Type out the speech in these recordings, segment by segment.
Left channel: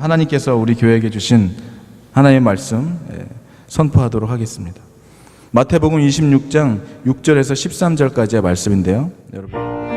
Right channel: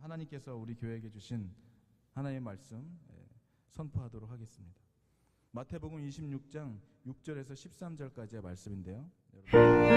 하나님께서 우리 교회에게 주신 하나님의 말씀 선포하도록 하겠습니다. 마태복음 26장 6절에서 13절까지의 말씀인데요. 여러분,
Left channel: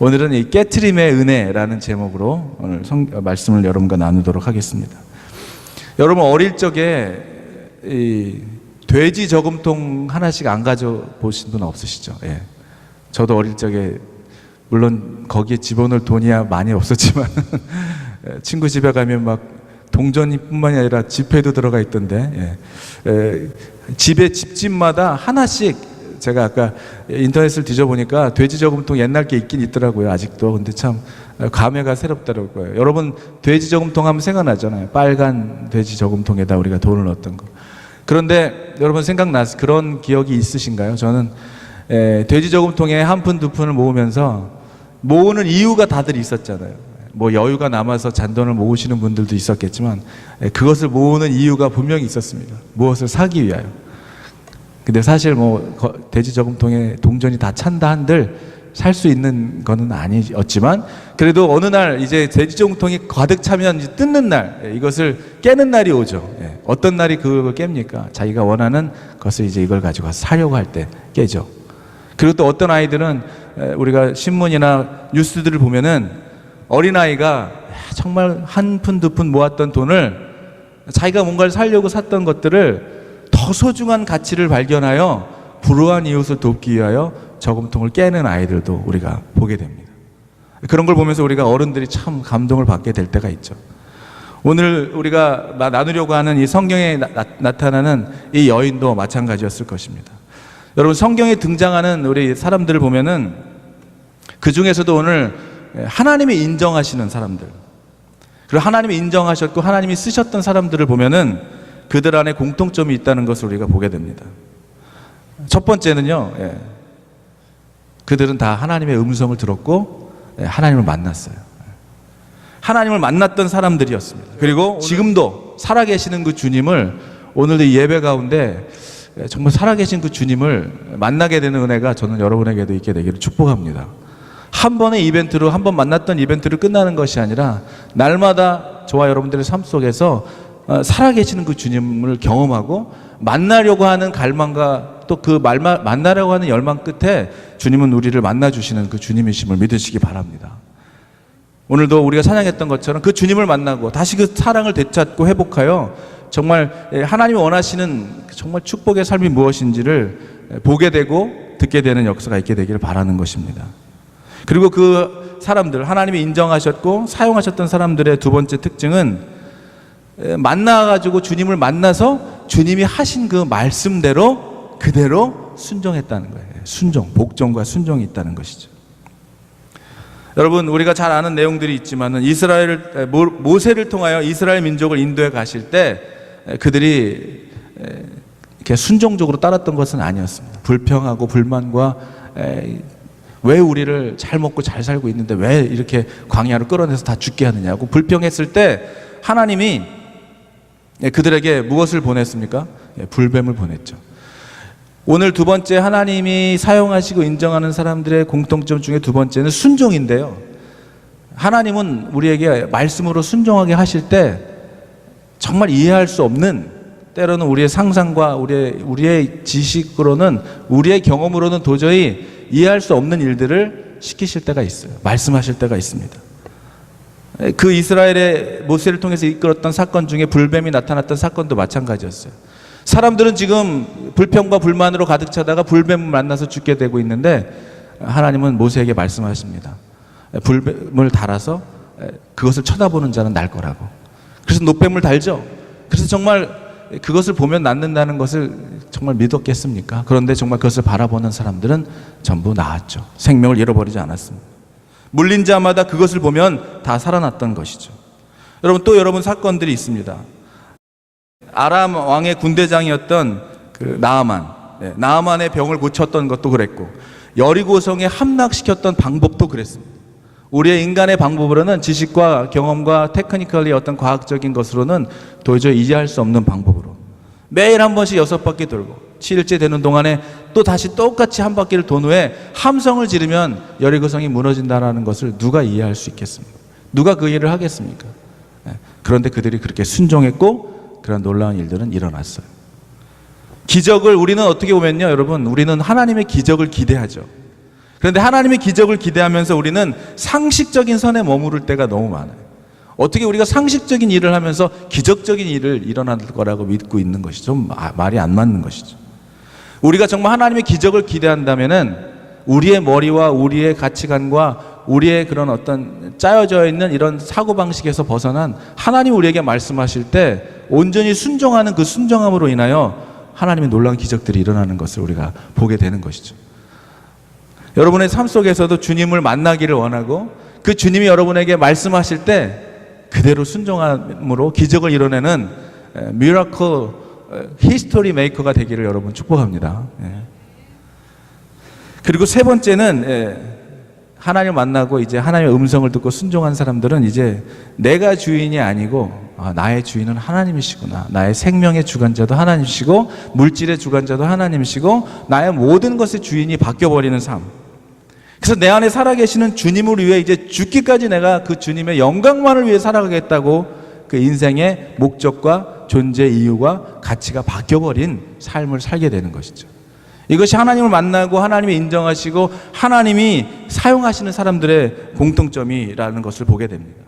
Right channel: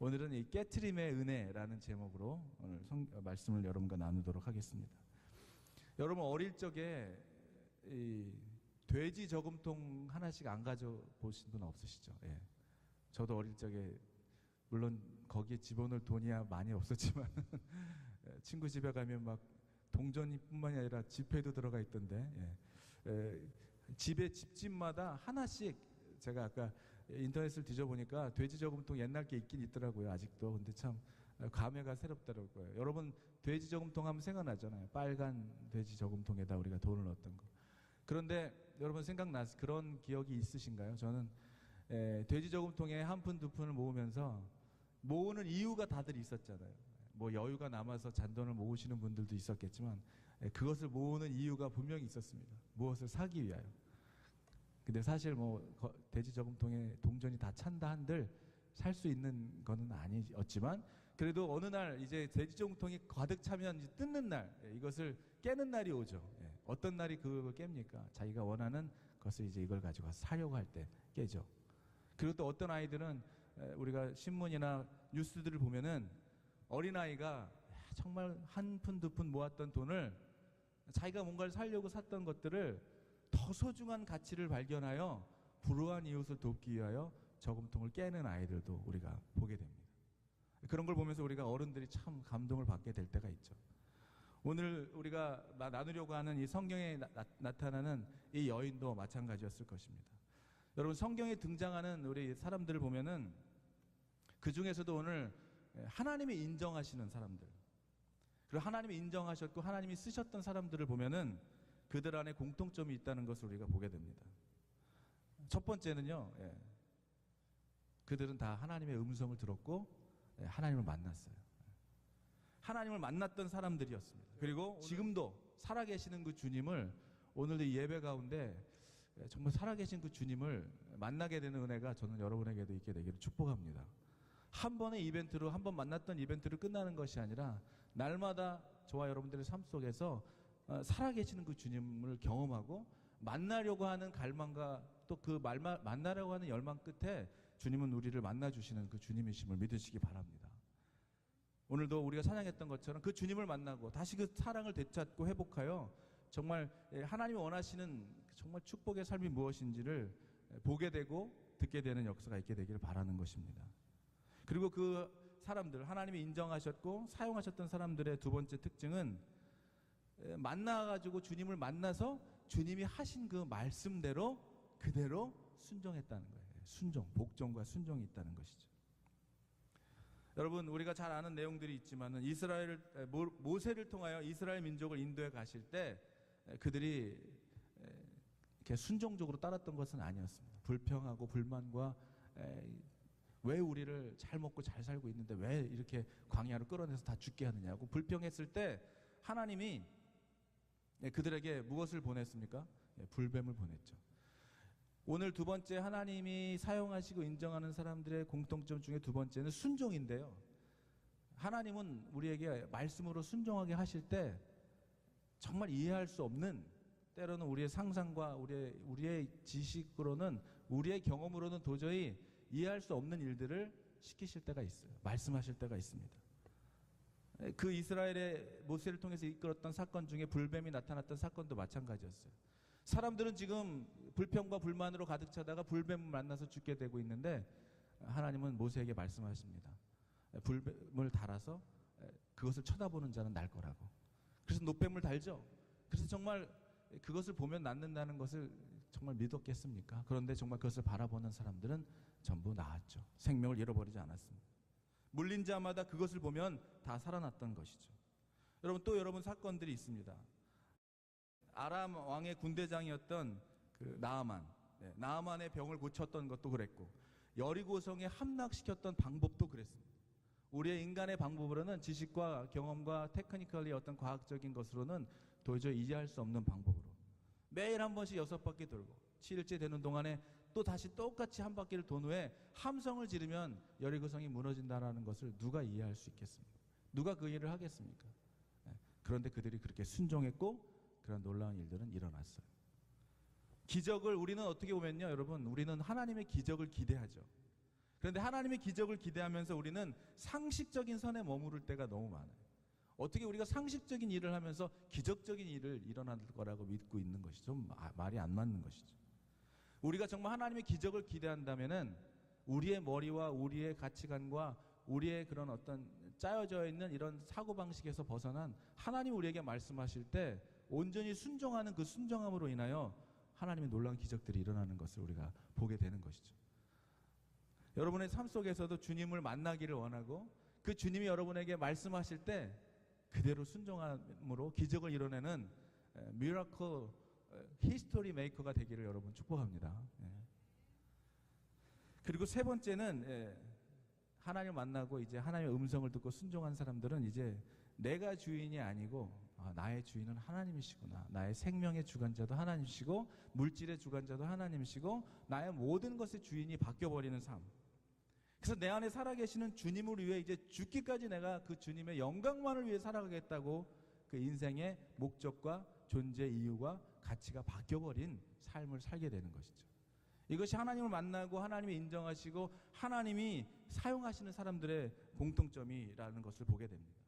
오늘은 이 깨트림의 은혜라는 제목으로 오늘 말씀을 여러분과 나누도록 하겠습니다. 여러분 어릴 적에 이 돼지 저금통 하나씩 안 가져보신 분 없으시죠? 예. 저도 어릴 적에 물론 거기에 집어넣을 돈이야 많이 없었지만 친구 집에 가면 막 동전뿐만이 아니라 지폐도 들어가 있던데, 집에 집집마다 하나씩, 제가 아까 인터넷을 뒤져보니까 돼지 저금통 옛날 게 있긴 있더라고요, 아직도. 근데 참 감회가 새롭더라고요. 여러분 돼지 저금통 하면 생각나잖아요. 빨간 돼지 저금통에다 우리가 돈을 넣었던 거. 그런데 여러분 생각나서 그런 기억이 있으신가요? 저는 돼지 저금통에 한 푼 두 푼을 모으면서 모으는 이유가 다들 있었잖아요. 뭐 여유가 남아서 잔돈을 모으시는 분들도 있었겠지만 그것을 모으는 이유가 분명히 있었습니다. 무엇을 사기 위하여. 근데 사실 뭐 돼지 저금통에 동전이 다 찬다 한들 살 수 있는 거는 아니었지만, 그래도 어느 날 이제 돼지 저금통이 가득 차면 이제 뜯는 날, 이것을 깨는 날이 오죠. 어떤 날이 그걸 깹니까? 자기가 원하는 것을 이제 이걸 가지고 가서 사려고 할 때 깨죠. 그리고 또 어떤 아이들은 우리가 신문이나 뉴스들을 보면은 어린아이가 정말 한 푼 두 푼 모았던 돈을 자기가 뭔가를 사려고 샀던 것들을 더 소중한 가치를 발견하여 불우한 이웃을 돕기 위하여 저금통을 깨는 아이들도 우리가 보게 됩니다. 그런 걸 보면서 우리가 어른들이 참 감동을 받게 될 때가 있죠. 오늘 우리가 나누려고 하는 이 성경에 나타나는 이 여인도 마찬가지였을 것입니다. 여러분 성경에 등장하는 우리 사람들을 보면은 그 중에서도 오늘 하나님이 인정하시는 사람들, 그리고 하나님이 인정하셨고 하나님이 쓰셨던 사람들을 보면은 그들 안에 공통점이 있다는 것을 우리가 보게 됩니다. 첫 번째는요, 그들은 다 하나님의 음성을 들었고 하나님을 만났어요. 하나님을 만났던 사람들이었습니다. 그리고 지금도 살아계시는 그 주님을, 오늘도 이 예배 가운데 정말 살아계신 그 주님을 만나게 되는 은혜가 저는 여러분에게도 있게 되기를 축복합니다. 한 번의 이벤트로, 한 번 만났던 이벤트로 끝나는 것이 아니라 날마다 저와 여러분들의 삶 속에서 살아계시는 그 주님을 경험하고 만나려고 하는 갈망과 또 그 만나려고 하는 열망 끝에 주님은 우리를 만나주시는 그 주님이심을 믿으시기 바랍니다. 오늘도 우리가 찬양했던 것처럼 그 주님을 만나고 다시 그 사랑을 되찾고 회복하여 정말 하나님이 원하시는 정말 축복의 삶이 무엇인지를 보게 되고 듣게 되는 역사가 있게 되기를 바라는 것입니다. 그리고 그 사람들, 하나님이 인정하셨고 사용하셨던 사람들의 두 번째 특징은 만나가지고 주님을 만나서 주님이 하신 그 말씀대로 그대로 순종했다는 거예요. 순종, 복종과 순종이 있다는 것이죠. 여러분 우리가 잘 아는 내용들이 있지만은 모세를 통하여 이스라엘 민족을 인도해 가실 때 그들이 이렇게 순종적으로 따랐던 것은 아니었습니다. 불평하고 불만과 왜 우리를 잘 먹고 잘 살고 있는데 왜 이렇게 광야로 끌어내서 다 죽게 하느냐고 불평했을 때 하나님이 그들에게 무엇을 보냈습니까? 불뱀을 보냈죠. 오늘 두 번째 하나님이 사용하시고 인정하는 사람들의 공통점 중에 두 번째는 순종인데요. 하나님은 우리에게 말씀으로 순종하게 하실 때 정말 이해할 수 없는, 때로는 우리의 상상과 우리의 지식으로는, 우리의 경험으로는 도저히 이해할 수 없는 일들을 시키실 때가 있어요. 말씀하실 때가 있습니다. 그 이스라엘의 모세를 통해서 이끌었던 사건 중에 불뱀이 나타났던 사건도 마찬가지였어요. 사람들은 지금 불평과 불만으로 가득 차다가 불뱀을 만나서 죽게 되고 있는데 하나님은 모세에게 말씀하십니다. 불뱀을 달아서 그것을 쳐다보는 자는 날 거라고. 그래서 노뱀을 달죠. 그래서 정말 그것을 보면 낫는다는 것을 정말 믿었겠습니까? 그런데 정말 그것을 바라보는 사람들은 전부 나았죠. 생명을 잃어버리지 않았습니다. 물린 자마다 그것을 보면 다 살아났던 것이죠. 여러분 또 여러분 사건들이 있습니다. 아람 왕의 군대장이었던 그 나아만의 병을 고쳤던 것도 그랬고, 여리고성에 함락시켰던 방법도 그랬습니다. 우리의 인간의 방법으로는, 지식과 경험과 테크니컬리 어떤 과학적인 것으로는 도저히 이해할 수 없는 방법으로 매일 한 번씩 6바퀴 돌고 7일째 되는 동안에 또 다시 똑같이 한 바퀴를 돈 후에 함성을 지르면 여리고성이 무너진다는 것을 누가 이해할 수 있겠습니까? 누가 그 일을 하겠습니까? 그런데 그들이 그렇게 순종했고 그런 놀라운 일들은 일어났어요. 기적을 우리는 어떻게 보면요, 여러분, 우리는 하나님의 기적을 기대하죠. 그런데 하나님의 기적을 기대하면서 우리는 상식적인 선에 머무를 때가 너무 많아요. 어떻게 우리가 상식적인 일을 하면서 기적적인 일을 일어날 거라고 믿고 있는 것이죠. 좀 말이 안 맞는 것이죠. 우리가 정말 하나님의 기적을 기대한다면은 우리의 머리와 우리의 가치관과 우리의 그런 어떤 짜여져 있는 이런 사고방식에서 벗어난 하나님 우리에게 말씀하실 때 온전히 순종하는 그 순종함으로 인하여 하나님의 놀라운 기적들이 일어나는 것을 우리가 보게 되는 것이죠. 여러분의 삶 속에서도 주님을 만나기를 원하고 그 주님이 여러분에게 말씀하실 때 그대로 순종함으로 기적을 이뤄내는 미라클 히스토리 메이커가 되기를 여러분 축복합니다. 그리고 세 번째는 하나님을 만나고 이제 하나님의 음성을 듣고 순종한 사람들은 이제 내가 주인이 아니고 나의 주인은 하나님이시구나. 나의 생명의 주관자도 하나님이시고 물질의 주관자도 하나님이시고 나의 모든 것의 주인이 바뀌어버리는 삶. 그래서 내 안에 살아계시는 주님을 위해 이제 죽기까지 내가 그 주님의 영광만을 위해 살아가겠다고 그 인생의 목적과 존재 이유가 가치가 바뀌어버린 삶을 살게 되는 것이죠. 이것이 하나님을 만나고 하나님이 인정하시고 하나님이 사용하시는 사람들의 공통점이라는 것을 보게 됩니다.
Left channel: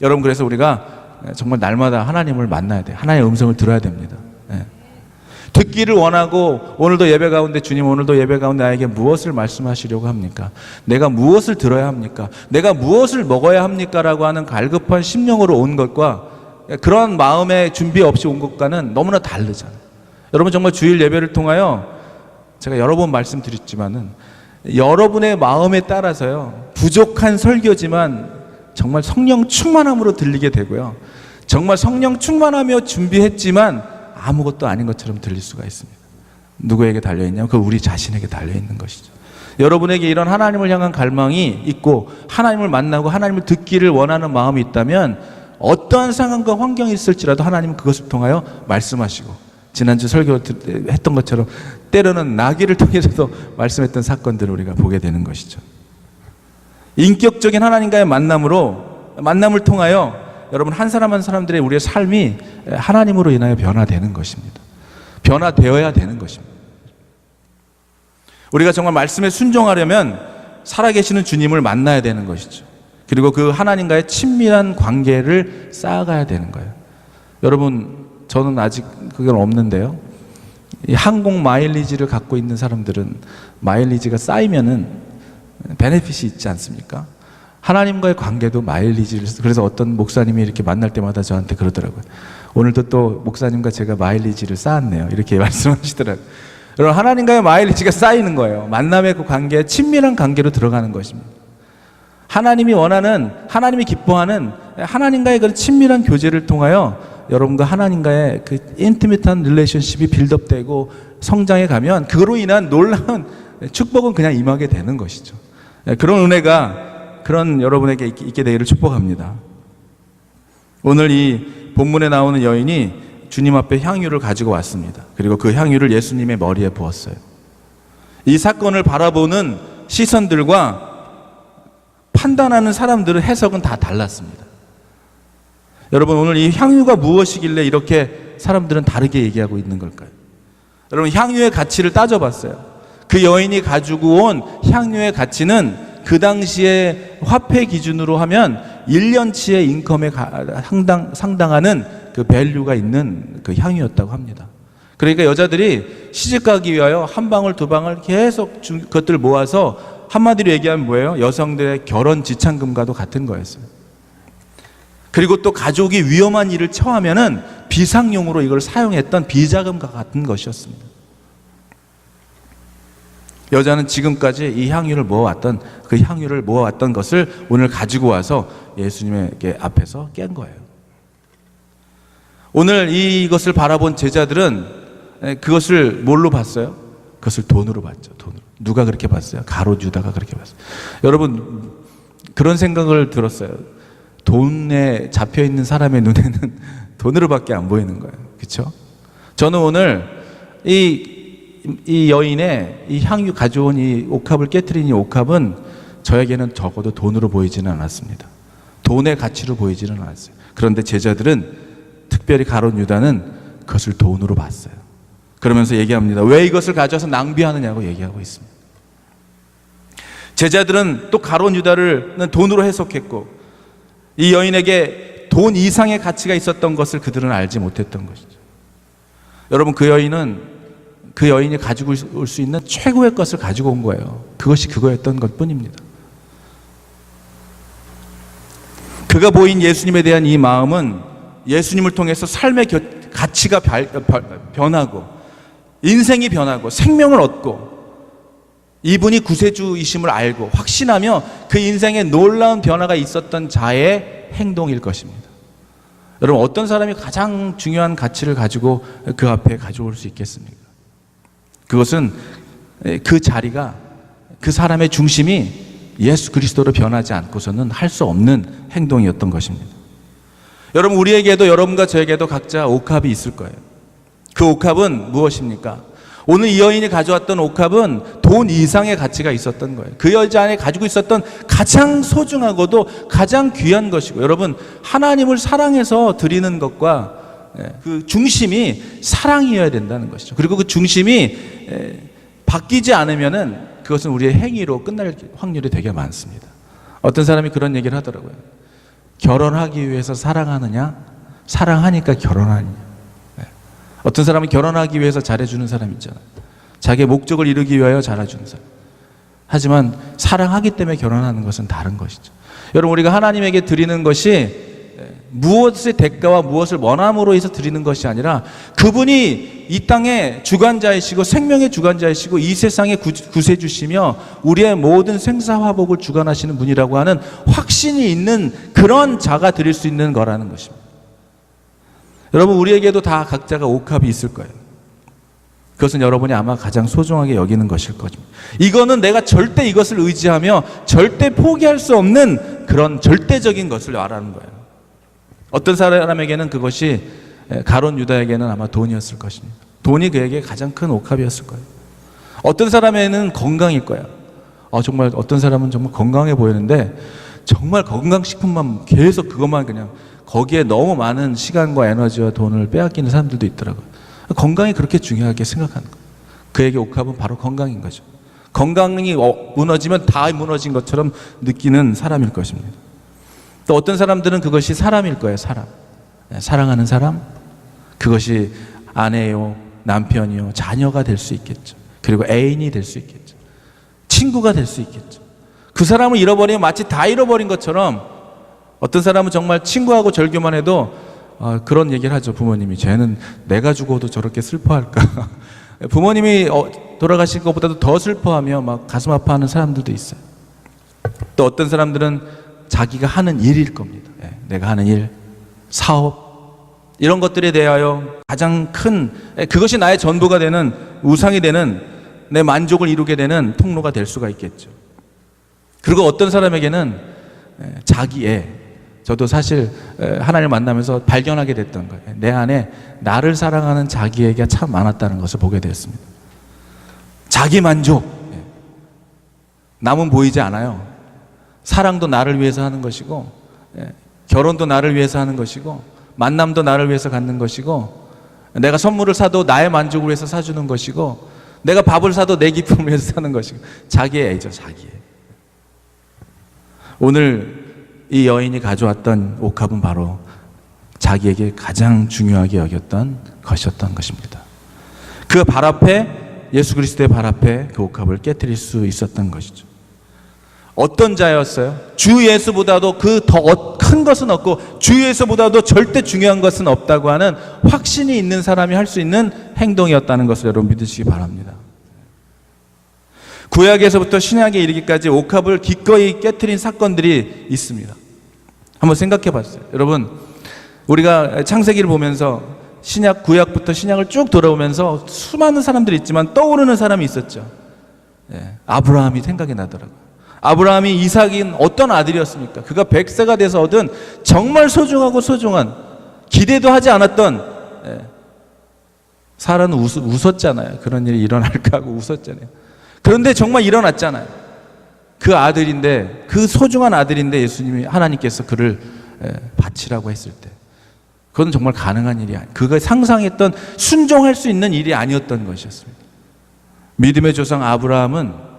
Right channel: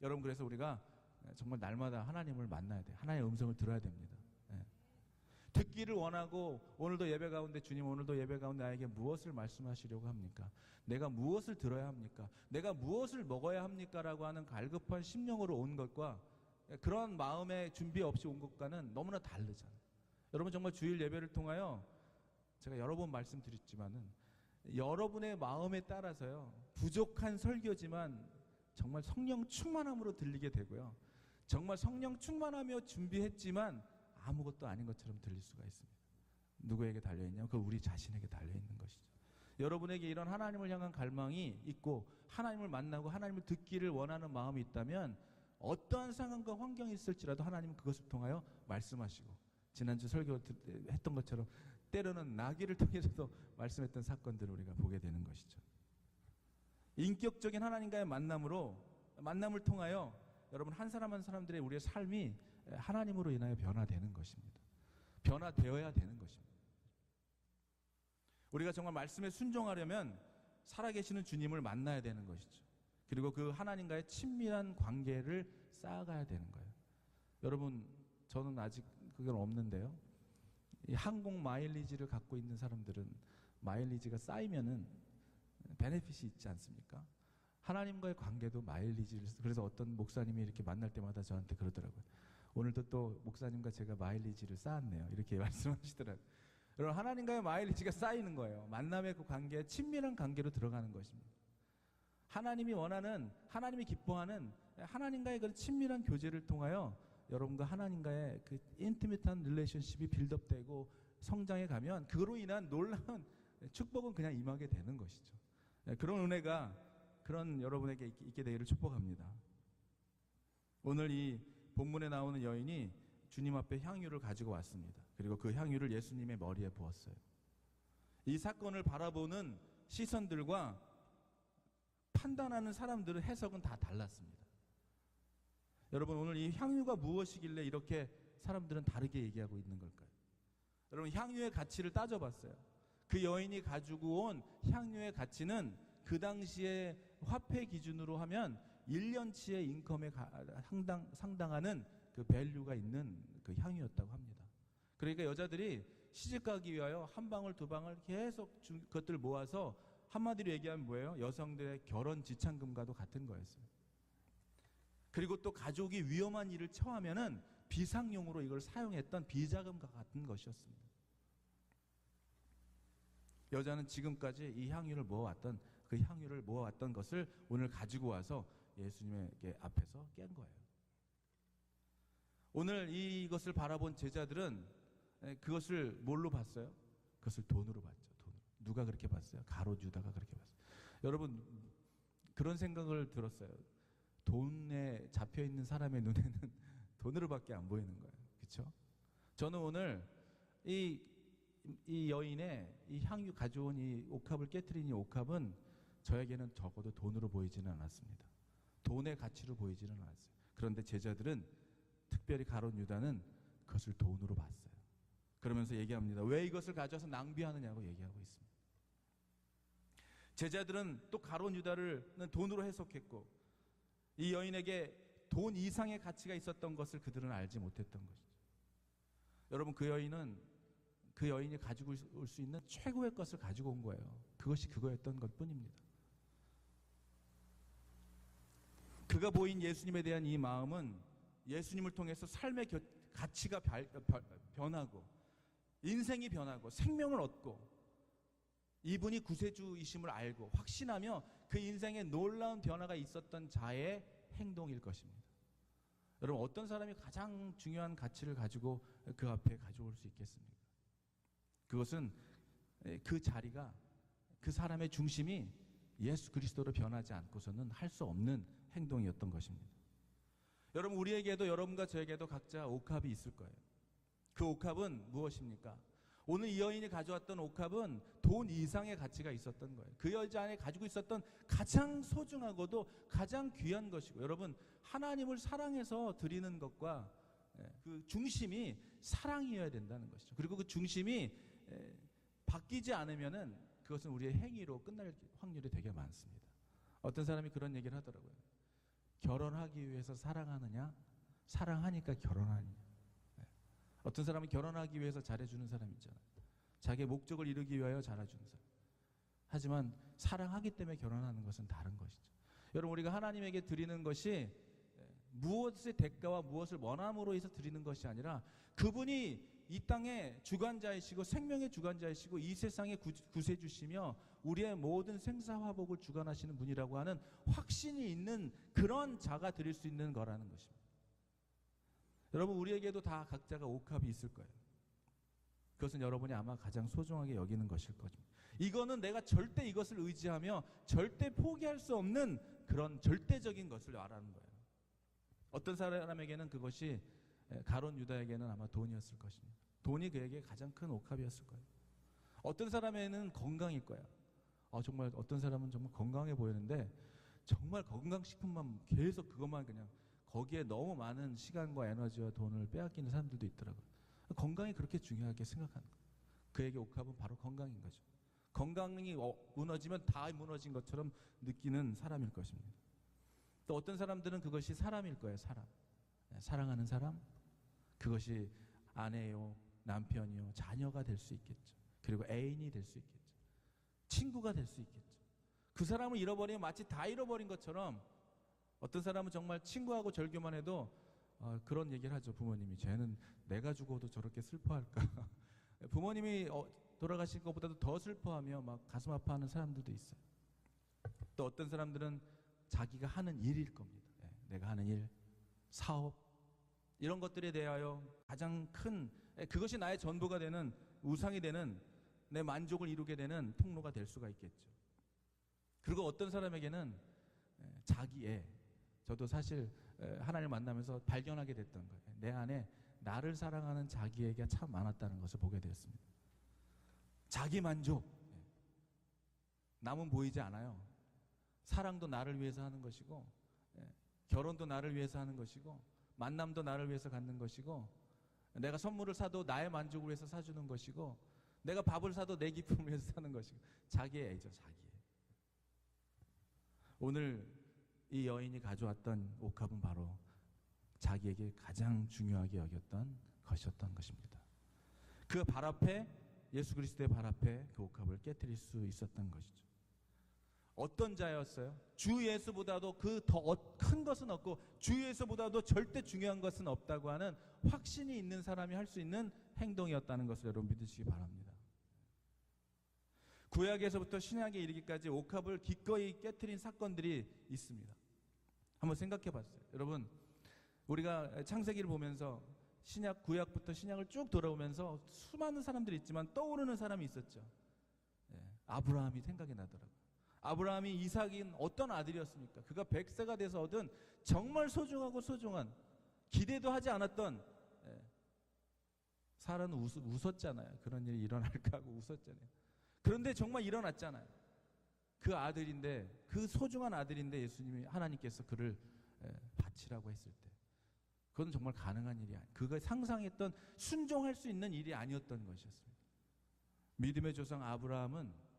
여러분, 그래서 우리가 정말 날마다 하나님을 만나야 돼요. 하나님의 음성을 들어야 됩니다. 듣기를 원하고 오늘도 예배 가운데 주님 오늘도 예배 가운데 나에게 무엇을 말씀하시려고 합니까? 내가 무엇을 들어야 합니까? 내가 무엇을 먹어야 합니까? 라고 하는 갈급한 심령으로 온 것과 그런 마음의 준비 없이 온 것과는 너무나 다르잖아요. 여러분, 정말 주일 예배를 통하여 제가 여러 번 말씀드렸지만은 여러분의 마음에 따라서요, 부족한 설교지만 정말 성령 충만함으로 들리게 되고요, 정말 성령 충만하며 준비했지만 아무것도 아닌 것처럼 들릴 수가 있습니다. 누구에게 달려있냐면 그 우리 자신에게 달려있는 것이죠. 여러분에게 이런 하나님을 향한 갈망이 있고 하나님을 만나고 하나님을 듣기를 원하는 마음이 있다면 어떠한 상황과 환경이 있을지라도 하나님은 그것을 통하여 말씀하시고, 지난주 설교했던 것처럼 때로는 나귀를 통해서도 말씀했던 사건들을 우리가 보게 되는 것이죠. 인격적인 하나님과의 만남을 통하여 여러분, 한 사람 한 사람들의 우리의 삶이 하나님으로 인하여 변화되는 것입니다. 변화되어야 되는 것입니다. 우리가 정말 말씀에 순종하려면 살아계시는 주님을 만나야 되는 것이죠. 그리고 그 하나님과의 친밀한 관계를 쌓아가야 되는 거예요. 여러분, 저는 아직 그건 없는데요, 이 항공 마일리지를 갖고 있는 사람들은 마일리지가 쌓이면은 베네핏이 있지 않습니까? 하나님과의 관계도 마일리지를, 그래서 어떤 목사님이 이렇게 만날 때마다 저한테 그러더라고요. 오늘도 또 목사님과 제가 마일리지를 쌓았네요. 이렇게 말씀하시더라고요. 여러분, 하나님과의 마일리지가 쌓이는 거예요. 만남의 그 관계, 친밀한 관계로 들어가는 것입니다. 하나님이 원하는, 하나님이 기뻐하는 하나님과의 그런 친밀한 교제를 통하여 여러분과 하나님과의 그 인티밋한 릴레이션십이 빌드업되고 성장해 가면 그로 인한 놀라운 축복은 그냥 임하게 되는 것이죠. 그런 은혜가 그런 여러분에게 있게 되기를 축복합니다. 오늘 이 본문에 나오는 여인이 주님 앞에 향유를 가지고 왔습니다. 그리고 그 향유를 예수님의 머리에 부었어요. 이 사건을 바라보는 시선들과 판단하는 사람들의 해석은 다 달랐습니다. 여러분, 오늘 이 향유가 무엇이길래 이렇게 사람들은 다르게 얘기하고 있는 걸까요? 여러분, 향유의 가치를 따져봤어요. 그 여인이 가지고 온 향유의 가치는 그 당시에 화폐 기준으로 하면 1년치의 인컴에 상당하는 그 밸류가 있는 그 향유였다고 합니다. 그러니까 여자들이 시집가기 위하여 한 방울 두 방울 계속 그것들을 모아서 한마디로 얘기하면 뭐예요? 여성들의 결혼 지참금과도 같은 거였어요. 그리고 또 가족이 위험한 일을 처하면은 비상용으로 이걸 사용했던 비자금과 같은 것이었습니다. 여자는 지금까지 이 향유를 모아왔던, 그 향유를 모아왔던 것을 오늘 가지고 와서 예수님의 앞에서 깬 거예요. 오늘 이것을 바라본 제자들은 그것을 뭘로 봤어요? 그것을 돈으로 봤죠. 돈으로. 누가 그렇게 봤어요? 가롯 유다가 그렇게 봤어요. 여러분, 그런 생각을 들었어요. 돈에 잡혀 있는 사람의 눈에는 돈으로밖에 안 보이는 거예요. 그렇죠? 저는 오늘 이 여인의 이 향유 가져온 이 옥합을 깨트린 이 옥합은 저에게는 적어도 돈으로 보이지는 않았습니다. 돈의 가치로 보이지는 않았어요. 그런데 제자들은, 특별히 가롯 유다는 그것을 돈으로 봤어요. 그러면서 얘기합니다. 왜 이것을 가져와서 낭비하느냐고 얘기하고 있습니다. 제자들은 또 가롯 유다를 돈으로 해석했고, 이 여인에게 돈 이상의 가치가 있었던 것을 그들은 알지 못했던 것이죠. 여러분, 그 여인이 가지고 올 수 있는 최고의 것을 가지고 온 거예요. 그것이 그거였던 것 뿐입니다. 그가 보인 예수님에 대한 이 마음은 예수님을 통해서 삶의 가치가 변하고, 인생이 변하고, 생명을 얻고, 이분이 구세주이심을 알고 확신하며 그 인생에 놀라운 변화가 있었던 자의 행동일 것입니다. 여러분, 어떤 사람이 가장 중요한 가치를 가지고 그 앞에 가져올 수 있겠습니까? 그것은 그 자리가, 그 사람의 중심이 예수 그리스도로 변하지 않고서는 할 수 없는 행동이었던 것입니다. 여러분, 우리에게도, 여러분과 저에게도 각자 옥합이 있을 거예요. 그 옥합은 무엇입니까? 오늘 이 여인이 가져왔던 옥합은 돈 이상의 가치가 있었던 거예요. 그 여자 안에 가지고 있었던 가장 소중하고도 가장 귀한 것이고, 여러분, 하나님을 사랑해서 드리는 것과 그 중심이 사랑이어야 된다는 것이죠. 그리고 그 중심이 바뀌지 않으면은 그것은 우리의 행위로 끝날 확률이 되게 많습니다. 어떤 사람이 그런 얘기를 하더라고요. 결혼하기 위해서 사랑하느냐, 사랑하니까 결혼하느냐. 어떤 사람은 결혼하기 위해서 잘해주는 사람 있잖아요. 자기의 목적을 이루기 위하여 잘해주는 사람. 하지만 사랑하기 때문에 결혼하는 것은 다른 것이죠. 여러분, 우리가 하나님에게 드리는 것이 무엇의 대가와 무엇을 원함으로 해서 드리는 것이 아니라, 그분이 이 땅의 주관자이시고 생명의 주관자이시고 이 세상의 구세주시며 우리의 모든 생사화복을 주관하시는 분이라고 하는 확신이 있는 그런 자가 드릴 수 있는 거라는 것입니다. 여러분, 우리에게도 다 각자가 옥합이 있을 거예요. 그것은 여러분이 아마 가장 소중하게 여기는 것일 것입니다. 이거는 내가 절대 이것을 의지하며 절대 포기할 수 없는 그런 절대적인 것을 말하는 거예요. 어떤 사람에게는 그것이, 가롯 유다에게는 아마 돈이었을 것입니다. 돈이 그에게 가장 큰 옥합이었을 거예요. 어떤 사람에게는 건강일 거야. 정말 어떤 사람은 정말 건강해 보이는데 정말 건강식품만 계속 그것만 그냥, 거기에 너무 많은 시간과 에너지와 돈을 빼앗기는 사람들도 있더라고요. 건강이 그렇게 중요하게 생각하는 거예요. 그에게 옥합은 바로 건강인 거죠. 건강이 무너지면 다 무너진 것처럼 느끼는 사람일 것입니다. 또 어떤 사람들은 그것이 사람일 거예요. 사람. 사랑하는 사람, 그것이 아내요, 남편이요, 자녀가 될 수 있겠죠. 그리고 애인이 될 수 있겠죠. 친구가 될 수 있겠죠. 그 사람을 잃어버리면 마치 다 잃어버린 것처럼, 어떤 사람은 정말 친구하고 절교만 해도 그런 얘기를 하죠. 부모님이, 쟤는 내가 죽어도 저렇게 슬퍼할까. 부모님이 돌아가신 것보다도 더 슬퍼하며 막 가슴 아파하는 사람들도 있어요. 또 어떤 사람들은 자기가 하는 일일 겁니다. 내가 하는 일, 사업, 이런 것들에 대하여 가장 큰, 그것이 나의 전부가 되는, 우상이 되는, 내 만족을 이루게 되는 통로가 될 수가 있겠죠. 그리고 어떤 사람에게는 자기의, 저도 사실 하나님을 만나면서 발견하게 됐던 거예요. 내 안에 나를 사랑하는 자기에게 참 많았다는 것을 보게 되었습니다. 자기 만족, 남은 보이지 않아요. 사랑도 나를 위해서 하는 것이고, 결혼도 나를 위해서 하는 것이고, 만남도 나를 위해서 갖는 것이고, 내가 선물을 사도 나의 만족을 위해서 사주는 것이고, 내가 밥을 사도 내 기쁨을 위해서 사는 것이고, 자기의 애죠, 자기의. 오늘 이 여인이 가져왔던 옥합은 바로 자기에게 가장 중요하게 여겼던 것이었던 것입니다. 그 발 앞에, 예수 그리스도의 발 앞에 그 옥합을 깨트릴 수 있었던 것이죠. 어떤 자였어요? 주 예수보다도 그 더 큰 것은 없고 주 예수보다도 절대 중요한 것은 없다고 하는 확신이 있는 사람이 할 수 있는 행동이었다는 것을 여러분 믿으시기 바랍니다. 구약에서부터 신약에 이르기까지 옥합을 기꺼이 깨트린 사건들이 있습니다. 한번 생각해 봤어요. 여러분, 우리가 창세기를 보면서 구약부터 신약을 쭉 돌아오면서 수많은 사람들이 있지만 떠오르는 사람이 있었죠. 아브라함이 생각이 나더라고요. 아브라함이 이삭인 어떤 아들이었습니까? 그가 100세가 돼서 얻은 정말 소중하고 소중한, 기대도 하지 않았던, 사라는 웃었잖아요. 그런 일이 일어날까 하고 웃었잖아요. 그런데 정말 일어났잖아요. 그 아들인데, 그 소중한 아들인데 예수님이, 하나님께서 그를 바치라고 했을 때, 그건 정말 가능한 일이 아니에요. 그가 상상했던, 순종할 수 있는 일이 아니었던 것이었습니다. 믿음의 조상 아브라함은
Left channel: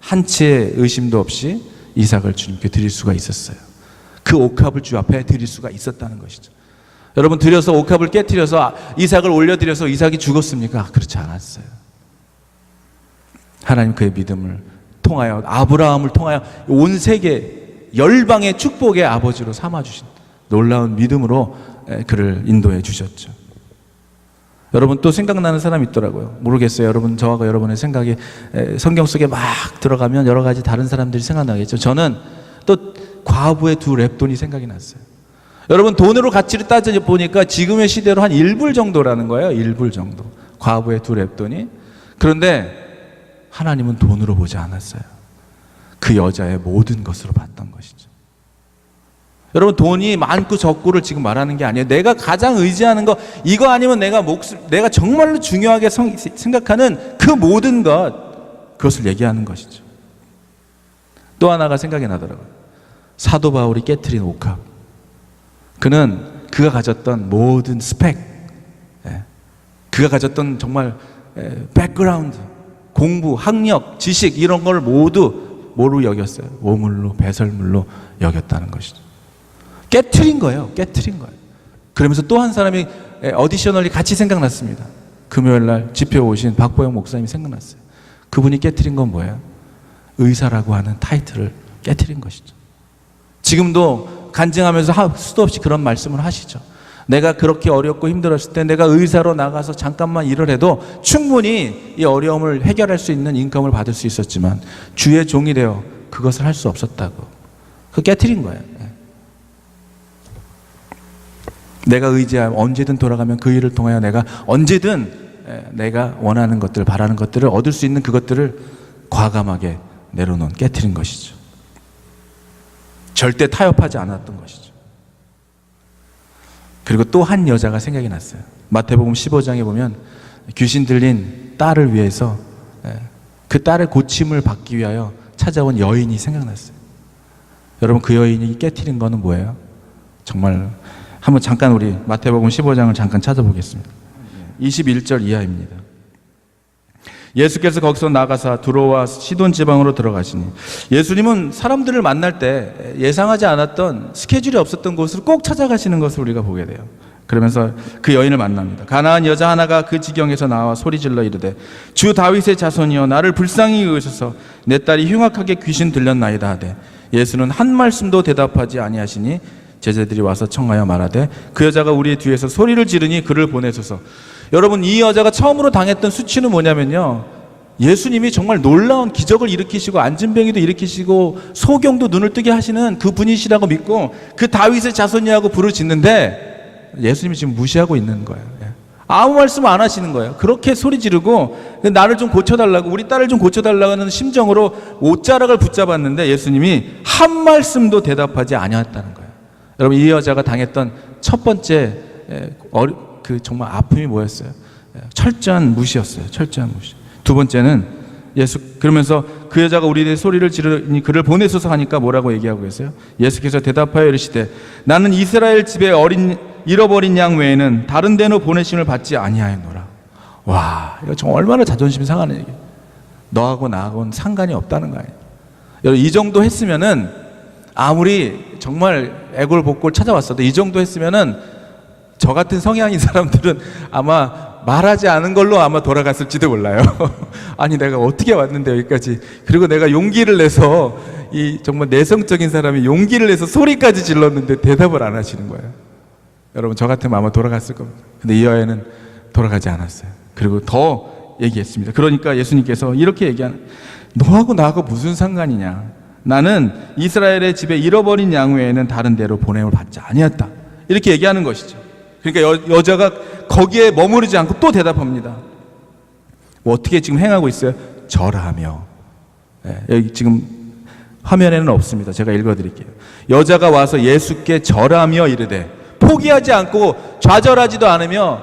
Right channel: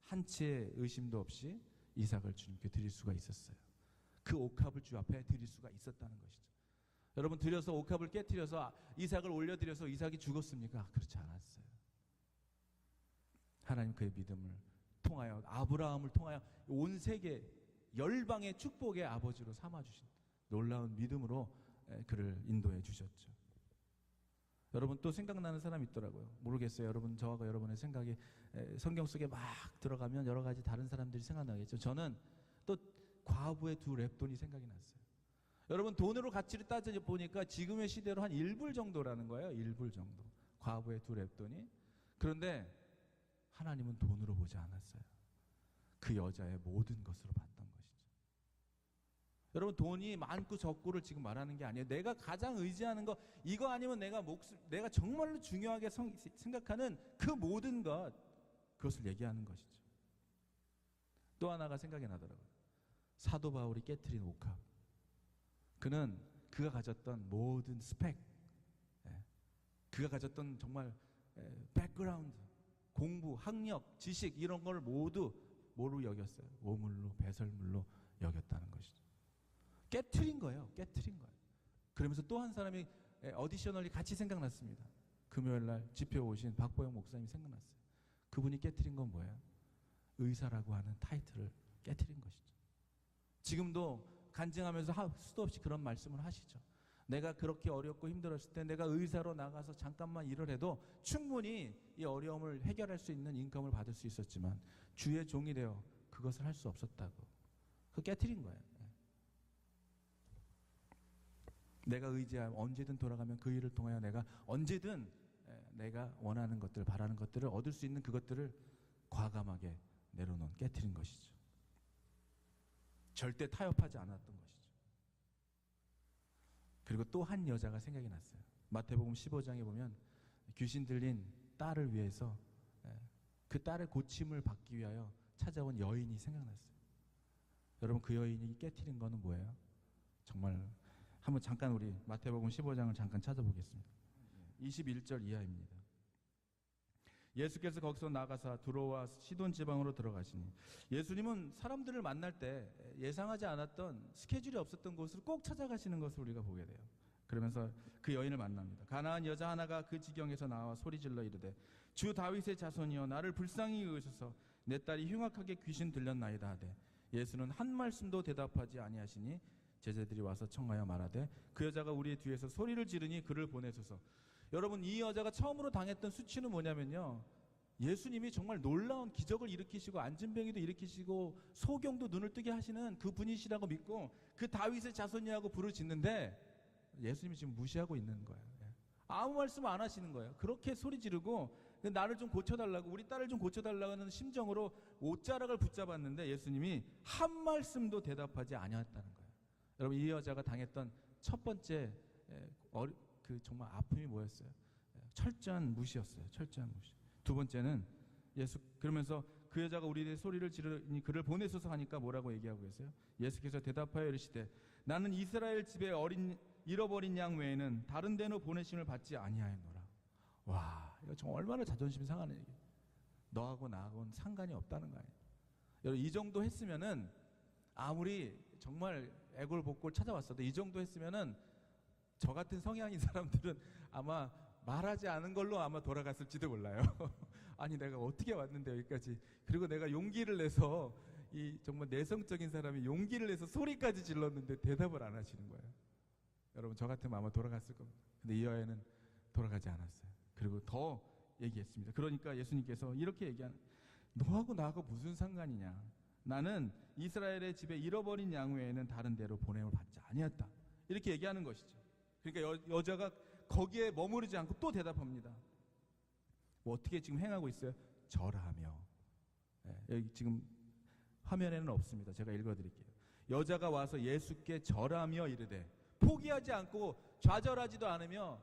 한치의 의심도 없이 이삭을 주님께 드릴 수가 있었어요. 그 옥합을 주 앞에 드릴 수가 있었다는 것이죠. 여러분, 드려서 옥합을 깨트려서 이삭을 올려드려서 이삭이 죽었습니까? 그렇지 않았어요. 하나님 그의 믿음을 통하여, 아브라함을 통하여 온 세계 열방의 축복의 아버지로 삼아주신 놀라운 믿음으로 그를 인도해 주셨죠. 여러분, 또 생각나는 사람이 있더라고요. 모르겠어요. 여러분, 저하고 여러분의 생각이 성경 속에 막 들어가면 여러 가지 다른 사람들이 생각나겠죠. 저는 또 과부의 두 랩돈이 생각이 났어요. 여러분, 돈으로 가치를 따져보니까 지금의 시대로 한 1불 정도라는 거예요. 1불 정도. 과부의 두 랩돈이. 그런데 하나님은 돈으로 보지 않았어요. 그 여자의 모든 것으로 봤던 것이죠. 여러분, 돈이 많고 적고를 지금 말하는 게 아니에요. 내가 가장 의지하는 거, 이거 아니면 내가 정말로 중요하게 생각하는 그 모든 것, 그것을 얘기하는 것이죠. 또 하나가 생각이 나더라고요. 사도 바울이 깨트린 옥합. 그가 가졌던 모든 스펙, 그가 가졌던 정말 백그라운드, 공부, 학력, 지식, 이런 걸 모두 뭐로 여겼어요? 오물로, 배설물로 여겼다는 것이죠. 깨트린 거예요. 깨트린 거예요. 그러면서 또 한 사람이 어디셔널이 같이 생각났습니다. 금요일 날 집회 오신 박보영 목사님이 생각났어요. 그분이 깨트린 건 뭐예요? 의사라고 하는 타이틀을 깨트린 것이죠. 지금도 간증하면서 수도 없이 그런 말씀을 하시죠. 내가 그렇게 어렵고 힘들었을 때 내가 의사로 나가서 잠깐만 일을 해도 충분히 이 어려움을 해결할 수 있는 인컴을 받을 수 있었지만 주의 종이 되어 그것을 할 수 없었다고. 그 깨트린 거예요. 내가 의지하면 언제든 돌아가면 그 일을 통하여 내가 언제든 내가 원하는 것들, 바라는 것들을 얻을 수 있는 그것들을 과감하게 내려놓은, 깨트린 것이죠. 절대 타협하지 않았던 것이죠. 그리고 또 한 여자가 생각이 났어요. 마태복음 15장에 보면 귀신 들린 딸을 위해서, 그 딸의 고침을 받기 위하여 찾아온 여인이 생각났어요. 여러분, 그 여인이 깨트린 거는 뭐예요? 정말 한번 잠깐 우리 마태복음 15장을 잠깐 찾아보겠습니다. 21절 이하입니다. 예수께서 거기서 나가사 두로와 시돈 지방으로 들어가시니, 예수님은 사람들을 만날 때 예상하지 않았던, 스케줄이 없었던 곳을 꼭 찾아가시는 것을 우리가 보게 돼요. 그러면서 그 여인을 만납니다. 가나안 여자 하나가 그 지경에서 나와 소리질러 이르되, 주 다윗의 자손이여 나를 불쌍히 여기소서, 내 딸이 흉악하게 귀신 들렸나이다 하되, 예수는 한 말씀도 대답하지 아니하시니 제자들이 와서 청하여 말하되, 그 여자가 우리의 뒤에서 소리를 지르니 그를 보내소서. 여러분, 이 여자가 처음으로 당했던 수치는 뭐냐면요, 예수님이 정말 놀라운 기적을 일으키시고 안진병이도 일으키시고 소경도 눈을 뜨게 하시는 그 분이시라고 믿고 그 다윗의 자손이라고 부르짖는데 예수님이 지금 무시하고 있는 거예요. 아무 말씀 안 하시는 거예요. 그렇게 소리 지르고 나를 좀 고쳐달라고, 우리 딸을 좀 고쳐달라고 하는 심정으로 옷자락을 붙잡았는데 예수님이 한 말씀도 대답하지 아니했다는 거예요. 여러분, 이 여자가 당했던 첫 번째 정말 아픔이 뭐였어요? 철저한 무시였어요. 철저한 무시. 두 번째는 그러면서 그 여자가 우리의 소리를 지르니 그를 보내소서 하니까 뭐라고 얘기하고 계세요? 예수께서 대답하여 이르시되, 나는 이스라엘 집에 잃어버린 양 외에는 다른 데로 보내심을 받지 아니하였노라. 와, 이거 정말 얼마나 자존심 상하는 얘기예요. 너하고 나하고는 상관이 없다는 거예요. 여러분, 이 정도 했으면은, 아무리 정말 애골복골 찾아왔어도 이 정도 했으면은 저 같은 성향인 사람들은 아마 말하지 않은 걸로 아마 돌아갔을지도 몰라요. 아니, 내가 어떻게 왔는데 여기까지. 그리고 내가 용기를 내서, 이 정말 내성적인 사람이 용기를 내서 소리까지 질렀는데 대답을 안 하시는 거예요. 여러분, 저 같으면 아마 돌아갔을 겁니다. 근데 이 여인은 돌아가지 않았어요. 그리고 더 얘기했습니다. 그러니까 예수님께서 이렇게 얘기하는, 너하고 나하고 무슨 상관이냐. 나는 이스라엘의 집에 잃어버린 양 외에는 다른 데로 보냄을 받지 아니었다. 이렇게 얘기하는 것이죠. 그러니까 여자가 거기에 머무르지 않고 또 대답합니다. 뭐 어떻게 지금 행하고 있어요? 절하며 여기 지금 화면에는 없습니다. 제가 읽어드릴게요. 여자가 와서 예수께 절하며 이르되, 포기하지 않고 좌절하지도 않으며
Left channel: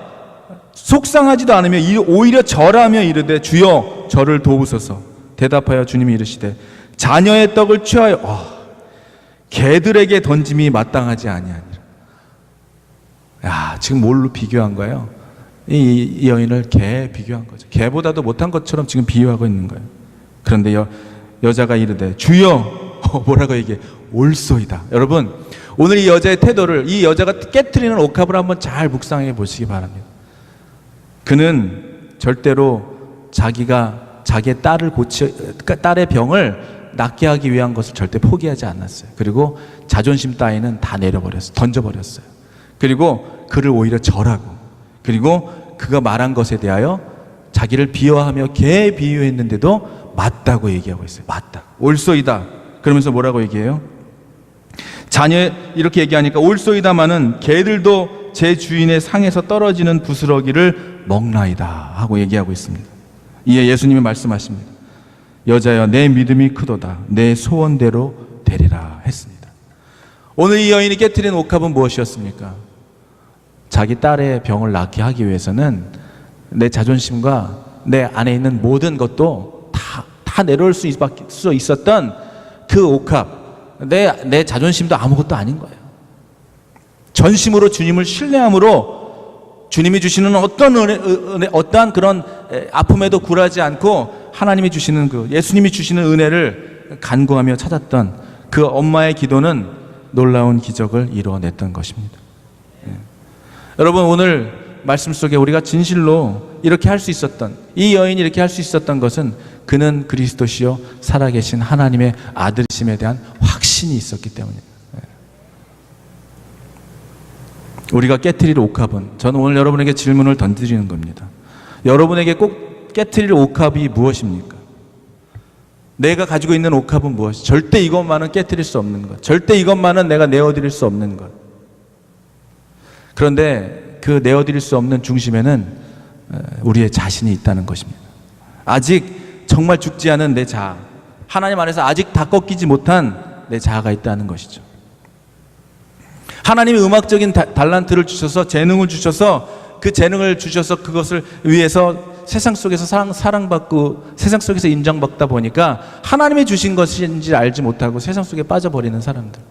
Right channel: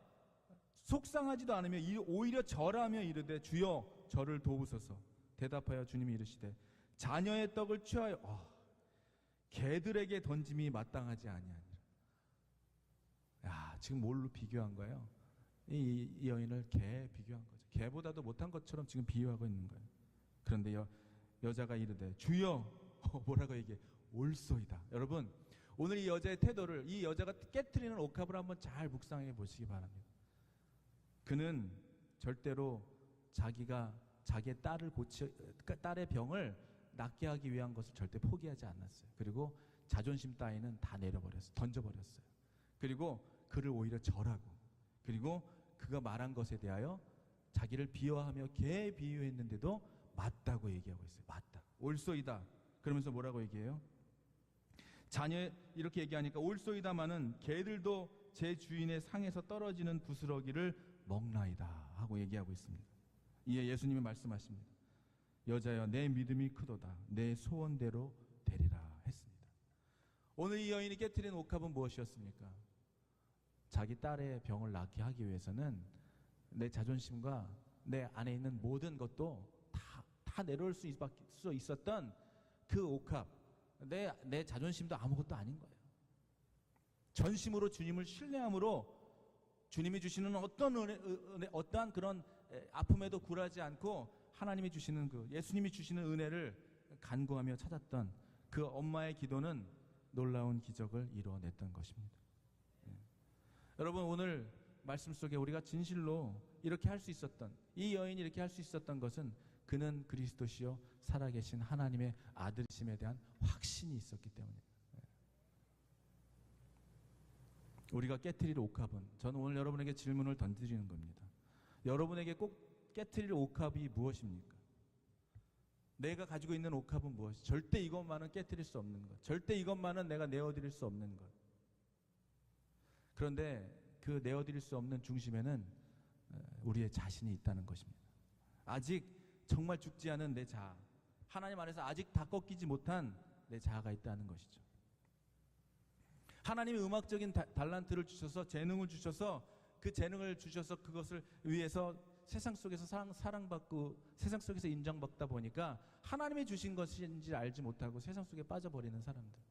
속상하지도 않으며 오히려 절하며 이르되, 주여 저를 도우소서. 대답하여 주님이 이르시되, 자녀의 떡을 취하여 개들에게 던짐이 마땅하지 아니하니라. 야, 지금 뭘로 비교한 거예요? 이 여인을 개에 비교한 거죠. 개보다도 못한 것처럼 지금 비유하고 있는 거예요. 그런데 여자가 이르되, 주여, 뭐라고 얘기해? 올소이다. 여러분, 오늘 이 여자의 태도를, 이 여자가 깨트리는 옥합을 한번 잘 묵상해 보시기 바랍니다. 그는 절대로 자기의 딸의 병을 낫게 하기 위한 것을 절대 포기하지 않았어요. 그리고 자존심 따위는 다 내려버렸어요. 던져버렸어요. 그리고 그를 오히려 절하고, 그리고 그가 말한 것에 대하여 자기를 비하하며 개에 비유했는데도 맞다고 얘기하고 있어요. 맞다. 올소이다. 그러면서 뭐라고 얘기해요? 자녀, 이렇게 얘기하니까 올소이다마는 개들도 제 주인의 상에서 떨어지는 부스러기를 먹나이다 하고 얘기하고 있습니다. 이에 예수님이 말씀하십니다. 여자여, 내 믿음이 크도다. 내 소원대로 되리라 했습니다. 오늘 이 여인이 깨트린 옥합은 무엇이었습니까? 자기 딸의 병을 낫게 하기 위해서는 내 자존심과 내 안에 있는 모든 것도 다 내려올 수 있었던 그 옥합, 내 자존심도 아무것도 아닌 거예요. 전심으로 주님을 신뢰함으로 주님이 주시는 어떠한 그런 아픔에도 굴하지 않고 하나님이 주시는 예수님이 주시는 은혜를 간구하며 찾았던 그 엄마의 기도는 놀라운 기적을 이루어냈던 것입니다. 여러분, 오늘 말씀 속에 우리가 진실로 이렇게 할 수 있었던, 이 여인이 이렇게 할 수 있었던 것은 그는 그리스도시요 살아계신 하나님의 아들이심에 대한 확신이 있었기 때문입니다. 우리가 깨트릴 옥합은, 저는 오늘 여러분에게 질문을 던지는 겁니다. 여러분에게 꼭 깨트릴 옥합이 무엇입니까? 내가 가지고 있는 옥합은 무엇이? 절대 이것만은 깨트릴 수 없는 것, 절대 이것만은 내가 내어드릴 수 없는 것. 그런데 그 내어드릴 수 없는 중심에는 우리의 자신이 있다는 것입니다. 아직 정말 죽지 않은 내 자아, 하나님 안에서 아직 다 꺾이지 못한 내 자아가 있다는 것이죠. 하나님이 음악적인 달란트를 주셔서, 재능을 주셔서, 그 재능을 주셔서 그것을 위해서 세상 속에서 사랑받고 세상 속에서 인정받다 보니까 하나님이 주신 것인지 알지 못하고 세상 속에 빠져버리는 사람들,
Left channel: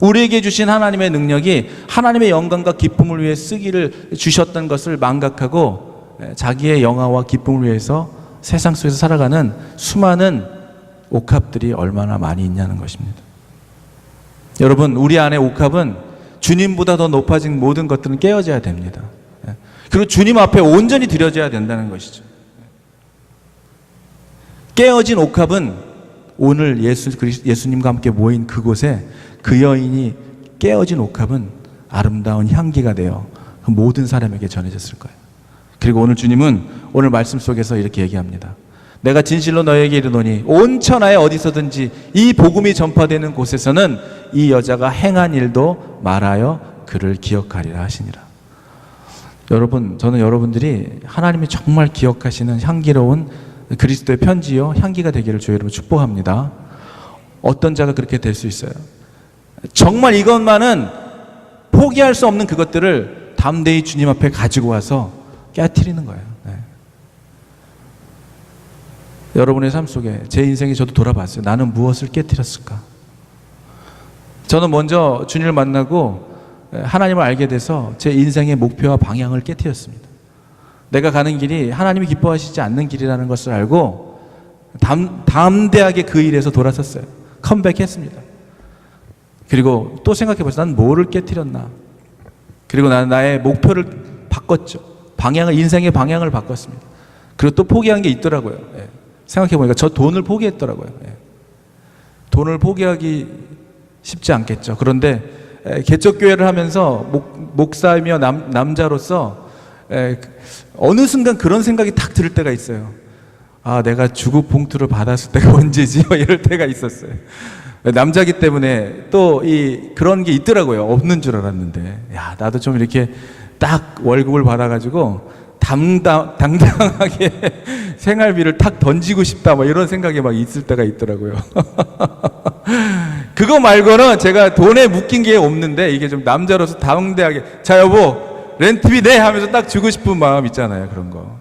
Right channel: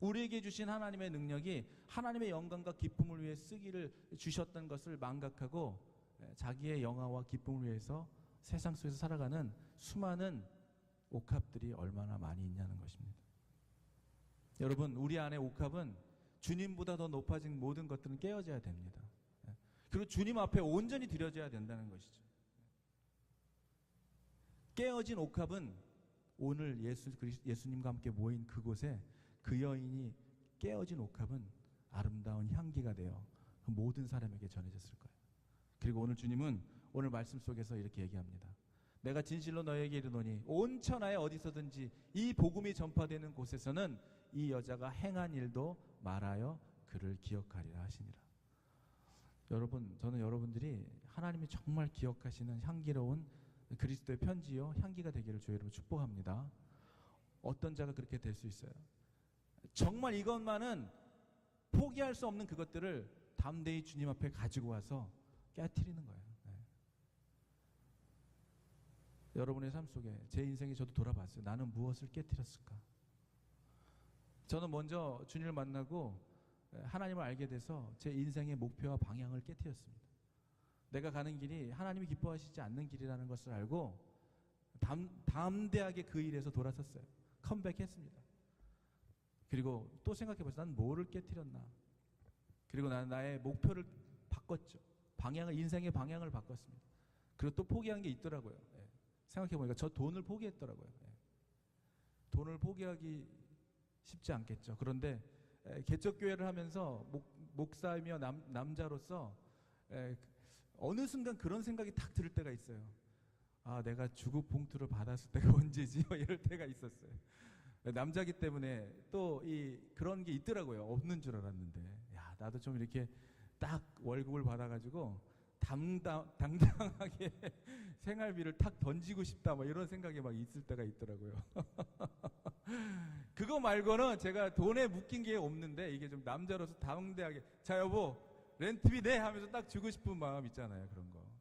우리에게 주신 하나님의 능력이 하나님의 영광과 기쁨을 위해 쓰기를 주셨던 것을 망각하고 자기의 영화와 기쁨을 위해서 세상 속에서 살아가는 수많은 옥합들이 얼마나 많이 있냐는 것입니다. 여러분, 우리 안에 옥합은 주님보다 더 높아진 모든 것들은 깨어져야 됩니다. 그리고 주님 앞에 온전히 드려져야 된다는 것이죠. 깨어진 옥합은 오늘 예수님과 함께 모인 그곳에 그 여인이 깨어진 옥합은 아름다운 향기가 되어 그 모든 사람에게 전해졌을 거예요. 그리고 오늘 주님은 오늘 말씀 속에서 이렇게 얘기합니다. 내가 진실로 너에게 이르노니 온 천하에 어디서든지 이 복음이 전파되는 곳에서는 이 여자가 행한 일도 말하여 그를 기억하리라 하시니라. 여러분, 저는 여러분들이 하나님이 정말 기억하시는 향기로운 그리스도의 편지요 향기가 되기를 주의 이름으로 축복합니다. 어떤 자가 그렇게 될 수 있어요? 정말 이것만은 포기할 수 없는 그것들을 담대히 주님 앞에 가지고 와서 깨트리는 거예요. 여러분의 삶 속에, 제 인생에 저도 돌아봤어요. 나는 무엇을 깨트렸을까? 저는 먼저 주님을 만나고 하나님을 알게 돼서 제 인생의 목표와 방향을 깨트렸습니다. 내가 가는 길이 하나님이 기뻐하시지 않는 길이라는 것을 알고 담대하게 그 일에서 돌아섰어요. 컴백했습니다. 그리고 또 생각해보세요. 난 뭐를 깨트렸나? 그리고 나는 나의 목표를 바꿨죠. 인생의 방향을 바꿨습니다. 그리고 또 포기한 게 있더라고요. 생각해보니까 저 돈을 포기했더라고요. 돈을 포기하기 쉽지 않겠죠. 그런데 개척교회를 하면서 목사이며 남자로서 어느 순간 그런 생각이 탁 들 때가 있어요. 아, 내가 주급 봉투를 받았을 때가 언제지? 이럴 때가 있었어요. 남자기 때문에 또 그런 게 있더라고요. 없는 줄 알았는데, 야, 나도 좀 이렇게 딱 월급을 받아가지고 당당하게 생활비를 탁 던지고 싶다 뭐 이런 생각이 막 있을 때가 있더라고요. 그거 말고는 제가 돈에 묶인 게 없는데, 이게 좀 남자로서 당대하게 자 여보 렌트비 내 하면서 딱 주고 싶은 마음 있잖아요. 그런 거.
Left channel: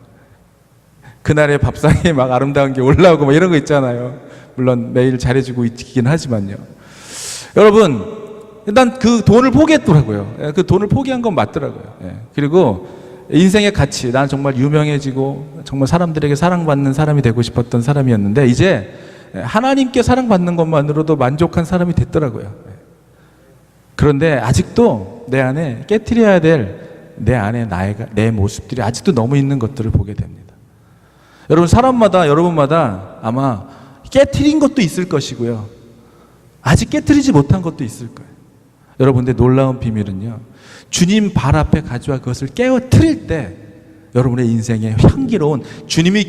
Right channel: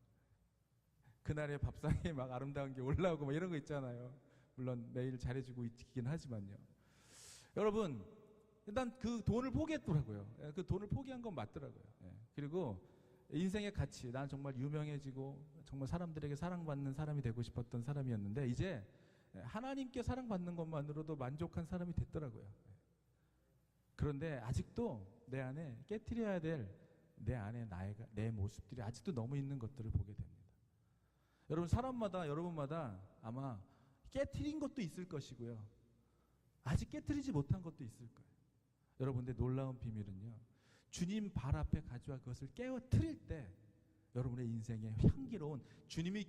그날의 밥상에 막 아름다운 게 올라오고 막 이런 거 있잖아요. 물론 매일 잘해주고 있긴 하지만요. 여러분, 일단 그 돈을 포기했더라고요. 그 돈을 포기한 건 맞더라고요. 그리고 인생의 가치, 난 정말 유명해지고 정말 사람들에게 사랑받는 사람이 되고 싶었던 사람이었는데, 이제 하나님께 사랑받는 것만으로도 만족한 사람이 됐더라고요. 그런데 아직도 내 안에 깨트려야 될 내 모습들이 아직도 너무 있는 것들을 보게 됩니다. 여러분, 사람마다, 여러분마다 아마 깨트린 것도 있을 것이고요, 아직 깨트리지 못한 것도 있을 거예요. 여러분들, 놀라운 비밀은요, 주님 발 앞에 가져와 그것을 깨어트릴 때 여러분의 인생에 향기로운 주님이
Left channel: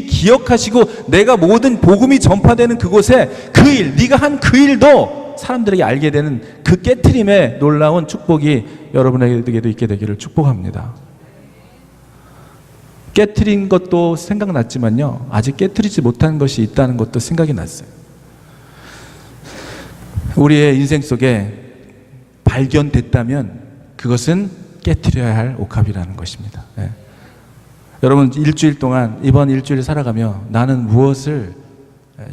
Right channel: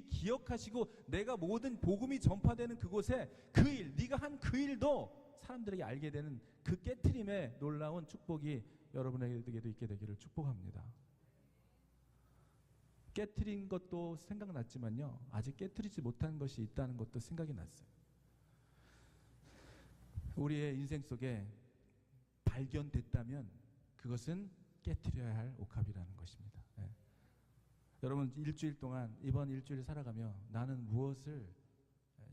기억하시고 내가 모든 복음이 전파되는 그곳에 그 일, 네가 한 그 일도 사람들에게 알게 되는 그 깨트림의 놀라운 축복이 여러분에게도 있게 되기를 축복합니다. 깨트린 것도 생각났지만요, 아직 깨트리지 못한 것이 있다는 것도 생각이 났어요. 우리의 인생 속에 발견됐다면 그것은 깨트려야 할 옥합이라는 것입니다. 여러분, 일주일 동안, 이번 일주일 살아가며 나는 무엇을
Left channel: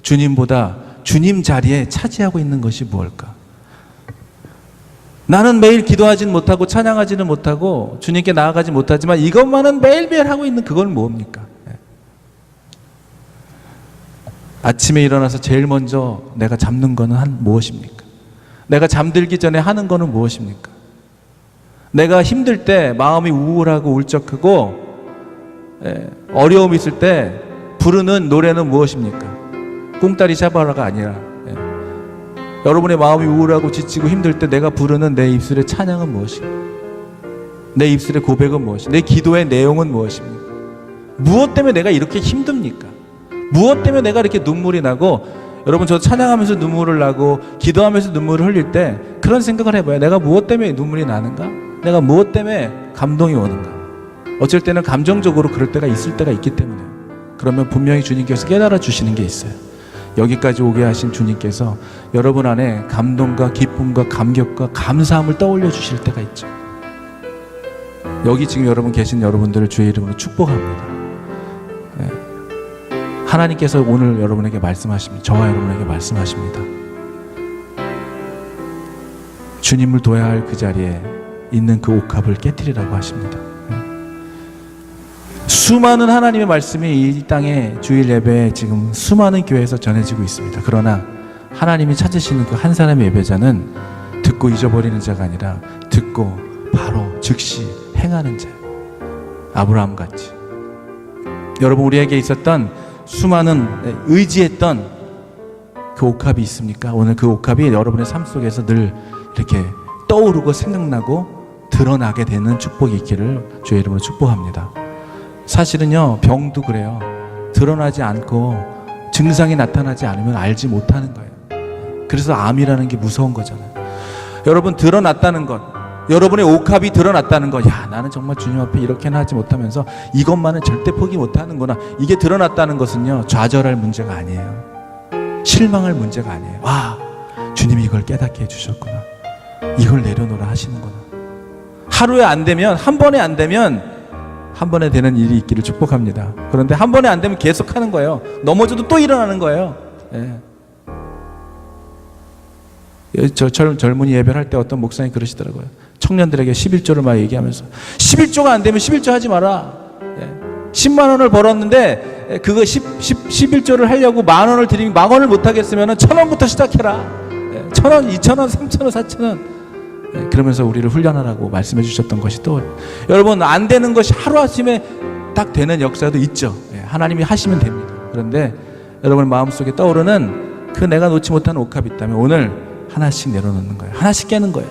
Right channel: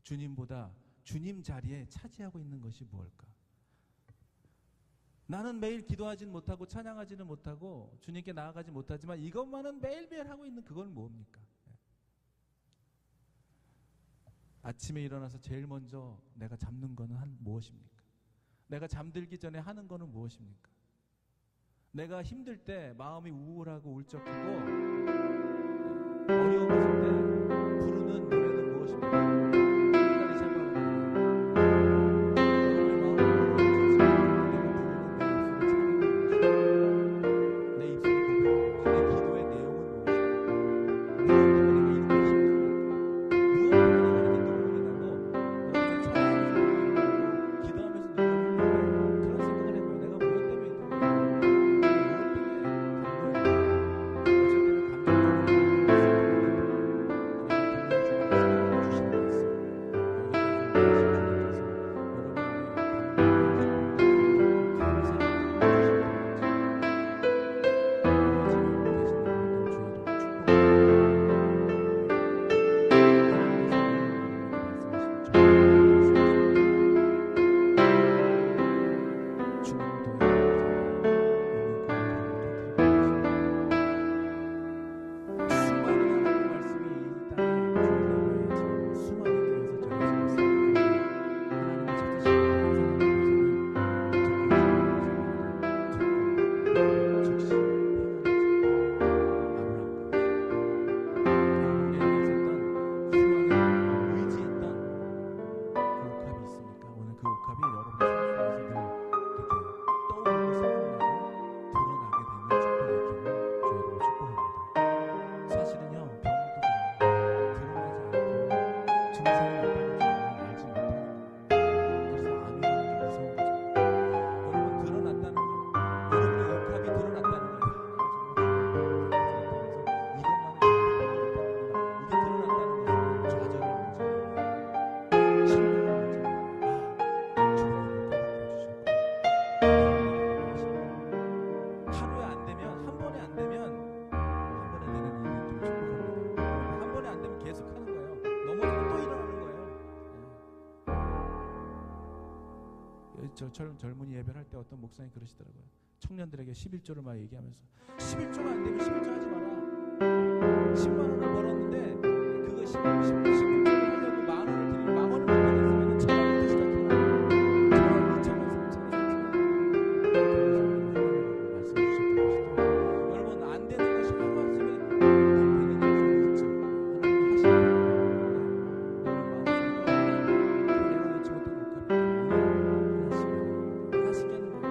주님보다 주님 자리에 차지하고 있는 것이 무엇일까? 나는 매일 기도하지는 못하고 찬양하지는 못하고 주님께 나아가지 못하지만 이것만은 매일매일 하고 있는 그건 뭡니까? 아침에 일어나서 제일 먼저 내가 잡는 거는 무엇입니까? 내가 잠들기 전에 하는 거는 무엇입니까? 내가 힘들 때, 마음이 우울하고 울적하고 어려움이 있을 때 부르는 노래는 무엇입니까? 꿍따리 샤바라가 아니라, 여러분의 마음이 우울하고 지치고 힘들 때 내가 부르는 내 입술의 찬양은 무엇입니까? 내 입술의 고백은 무엇입니까? 내 기도의 내용은 무엇입니까? 무엇 때문에 내가 이렇게 힘듭니까? 무엇 때문에 내가 이렇게 눈물이 나고, 여러분, 저 찬양하면서 눈물을 나고 기도하면서 눈물을 흘릴 때 그런 생각을 해봐요. 내가 무엇 때문에 눈물이 나는가? 내가 무엇 때문에 감동이 오는가? 어쩔 때는 감정적으로 그럴 때가 있을 때가 있기 때문에, 그러면 분명히 주님께서 깨달아 주시는 게 있어요. 여기까지 오게 하신 주님께서 여러분 안에 감동과 기쁨과 감격과 감사함을 떠올려 주실 때가 있죠. 여기 지금 여러분 계신 여러분들을 주의 이름으로 축복합니다. 하나님께서 오늘 여러분에게 말씀하십니다. 저와 여러분에게 말씀하십니다. 주님을 둬야 할 그 자리에 있는 그 옥합을 깨트리라고 하십니다. 수많은 하나님의 말씀이 이 땅에 주일 예배에 지금 수많은 교회에서 전해지고 있습니다. 그러나 하나님이 찾으시는 그 한 사람의 예배자는 듣고 잊어버리는 자가 아니라 듣고 바로 즉시 행하는 자, 아브라함 같이. 여러분, 우리에게 있었던 수많은 의지했던 그 옥합이 있습니까? 오늘 그 옥합이 여러분의 삶 속에서 늘 이렇게 떠오르고 생각나고 드러나게 되는 축복이 있기를 주의 이름으로 축복합니다. 사실은요, 병도 그래요. 드러나지 않고 증상이 나타나지 않으면 알지 못하는 거예요. 그래서 암이라는 게 무서운 거잖아요. 여러분, 드러났다는 것, 여러분의 옥합이 드러났다는 것, 야, 나는 정말 주님 앞에 이렇게나 하지 못하면서 이것만은 절대 포기 못하는구나, 이게 드러났다는 것은요, 좌절할 문제가 아니에요. 실망할 문제가 아니에요. 와, 주님이 이걸 깨닫게 해주셨구나, 이걸 내려놓으라 하시는구나. 하루에 안 되면, 한 번에 안 되면 한 번에 되는 일이 있기를 축복합니다. 그런데 한 번에 안 되면 계속 하는 거예요. 넘어져도 또 일어나는 거예요. 저 젊은이 예배를 할 때 어떤 목사님이 그러시더라고요. 청년들에게 11조를 막 얘기하면서, 11조가 안 되면 11조 하지 마라. 10만 원을 벌었는데 그거 11조를 하려고 만 원을 드리면 만 원을 못 하겠으면 1,000원부터 시작해라. 1,000원, 2,000원, 3,000원, 4,000원. 그러면서 우리를 훈련하라고 말씀해 주셨던 것이 또, 여러분, 안 되는 것이 하루아침에 딱 되는 역사도 있죠. 하나님이 하시면 됩니다. 그런데 여러분 마음속에 떠오르는 그 내가 놓지 못한 옥합이 있다면 오늘 하나씩 내려놓는 거예요. 하나씩 깨는 거예요.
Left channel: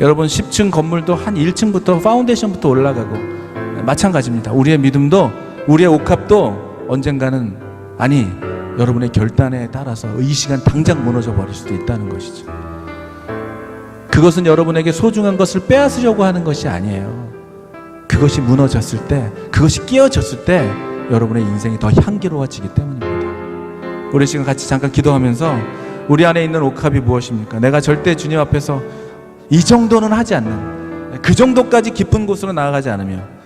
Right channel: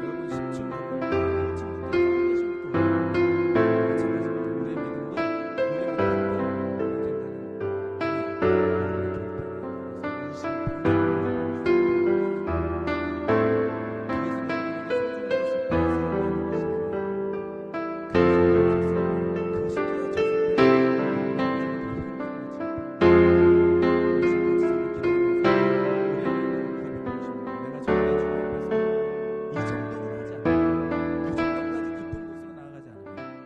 여러분, 10층 건물도 한 1층부터 파운데이션부터 올라가고 마찬가지입니다. 우리의 믿음도, 우리의 옥합도 언젠가는, 아니, 여러분의 결단에 따라서 이 시간 당장 무너져 버릴 수도 있다는 것이죠. 그것은 여러분에게 소중한 것을 빼앗으려고 하는 것이 아니에요. 그것이 무너졌을 때, 그것이 끼어졌을 때 여러분의 인생이 더 향기로워지기 때문입니다. 우리 지금 같이 잠깐 기도하면서 우리 안에 있는 옥합이 무엇입니까? 내가 절대 주님 앞에서 이 정도는 하지 않는, 그 정도까지 깊은 곳으로 나아가지 않으면